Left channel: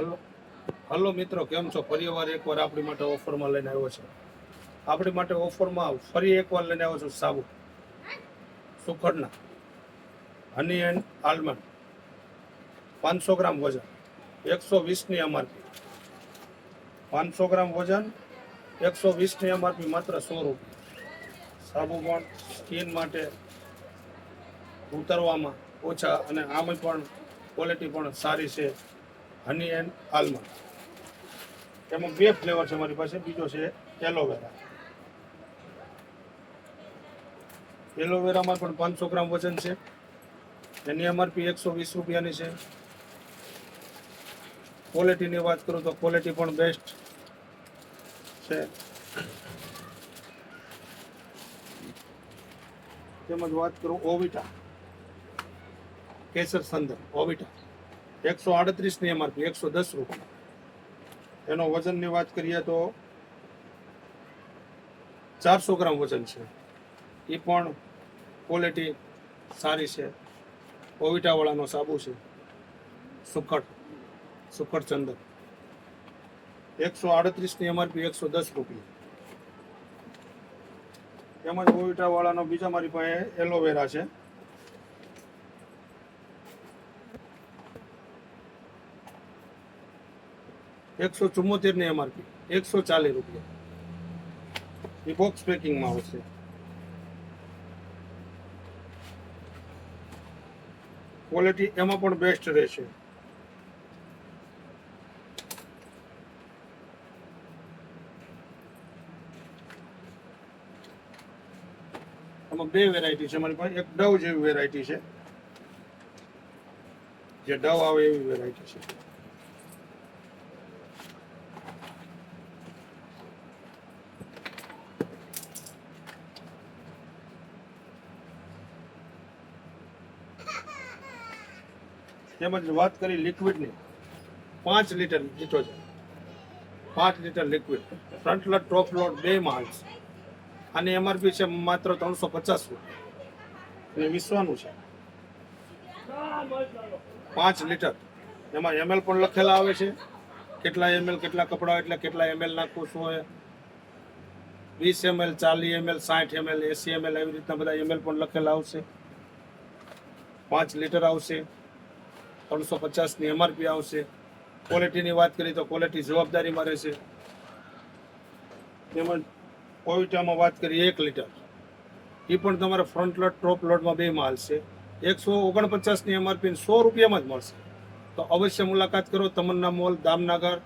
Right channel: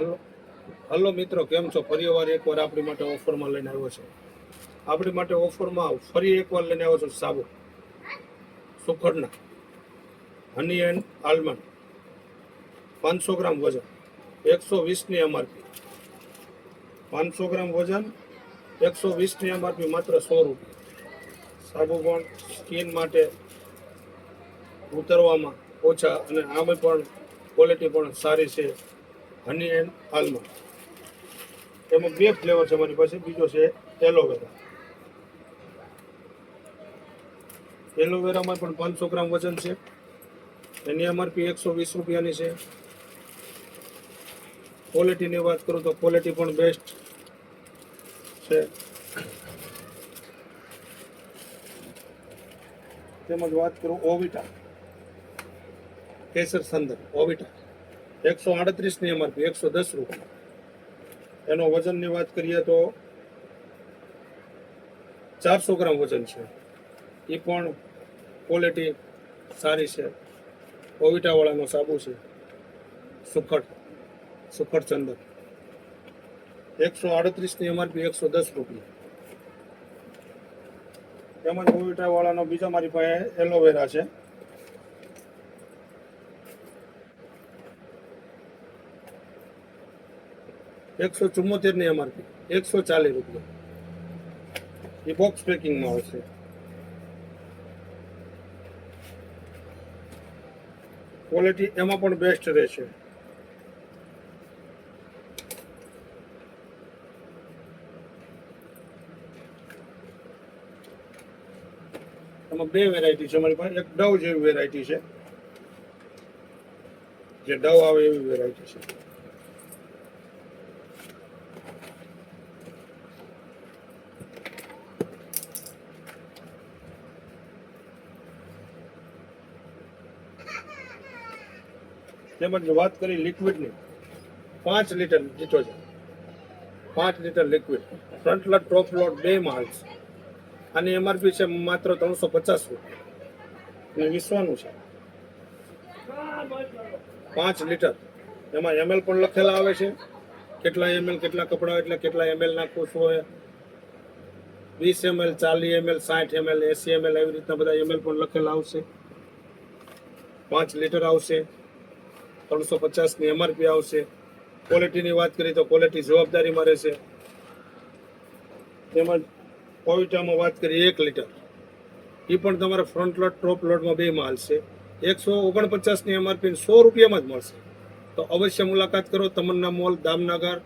Hello hello મિત્રો, કેમ છો? ફરીવાર એકવાર આપણી માટે ઓફરમાં લઈને આવ્યો છે. આપણી માટે ઓફરમાં ફરી એકવાર લઈને આવ્યો છું સાબુ સુખડના હની એન્ડ આલમંડ 500 ગ્રામ વજન 120ની એમઆરપી. 500 ગ્રામ વજન 120ની એમઆરપી, માત્ર 100 રૂપિયા. સાબુ પણ સ્કિન માટે ઉતરવામાં ઓછા અને આમે પણ ક્વોલિટી પણ સારી છે. હની એન્ડ આલમંડ. એમાં બે ફ્લેવર છે મારી પાસે. બીજો છે એલોવેરા. એલોવેરામાં પણ 500 ગ્રામ વજન છે. એની એમઆરપી 120 રૂપિયાની છે. ક્વોલિટીની વાત કરું તો ક્વોલિટી પણ બેસ્ટ છે. તેમજ વાત કરું ઓવિટા કેસર સંદર ઓવિટા 138ની એમઆરપી, 110 રૂપિયા. એનો વજનની વાત કરીએ તો 400 ગ્રામ વજન છે. એ પણ ક્વોલિટી સારી છે. ઓવિટાવાળાનો સાબુ છે સુખડ ચંદન 138ની એમઆરપી, 110 રૂપિયા. તેમજ ઓવિટાવાળાનો બીજા મારી પાસે એલોવેરા છે. ₹174ની એમઆરપી, 140 રૂપિયા. એ બોક્સ પેકિંગમાં આવશે. ક્વોલિટી એમાં પણ બેસ્ટ રહેશે. એમાં બે વેરાયટી છે મારી પાસે. એક ડવ જેવી વેરાયટી છે, જે ડવ આવે એવી વેરાયટી છે. તેમજ વાત કરી લિક્વિડની, 5 litre detergent, 5 litre liquid, front load top load બે માલ છે. આની એમઆરપી છે માત્ર 350 રૂપિયા. અને વિશ્વાનું છે 5 લીટર. એમાં એમએલ પણ લખેલા આવે છે, કેટલા એમએલ, કેટલા કપડા એટલે કેટલા એમએલ નાખવું હોય. 20 ml, 40 ml, 60 ml, 80 ml એવી રીતના બધા એમએલ પણ લખેલા આવશે. 5 લીટર આવશે, 350ની એમઆરપી આવશે. ક્વોલિટીની વાત કરીએ તો ક્વોલિટી જવાબદારીમાં રહેશે. તેમજ ઓવિટામાં વાત કરીએ 1 લીટર, એ પણ તમારા ફ્રન્ટ લોડ ટોપ લોડમાં બે માલ છે. 149ની એમઆરપી, 100 રૂપિયામાં જ મળશે. તો અવશ્ય મુલાકાત કરો. તમન્ના મોલ, દામનગર.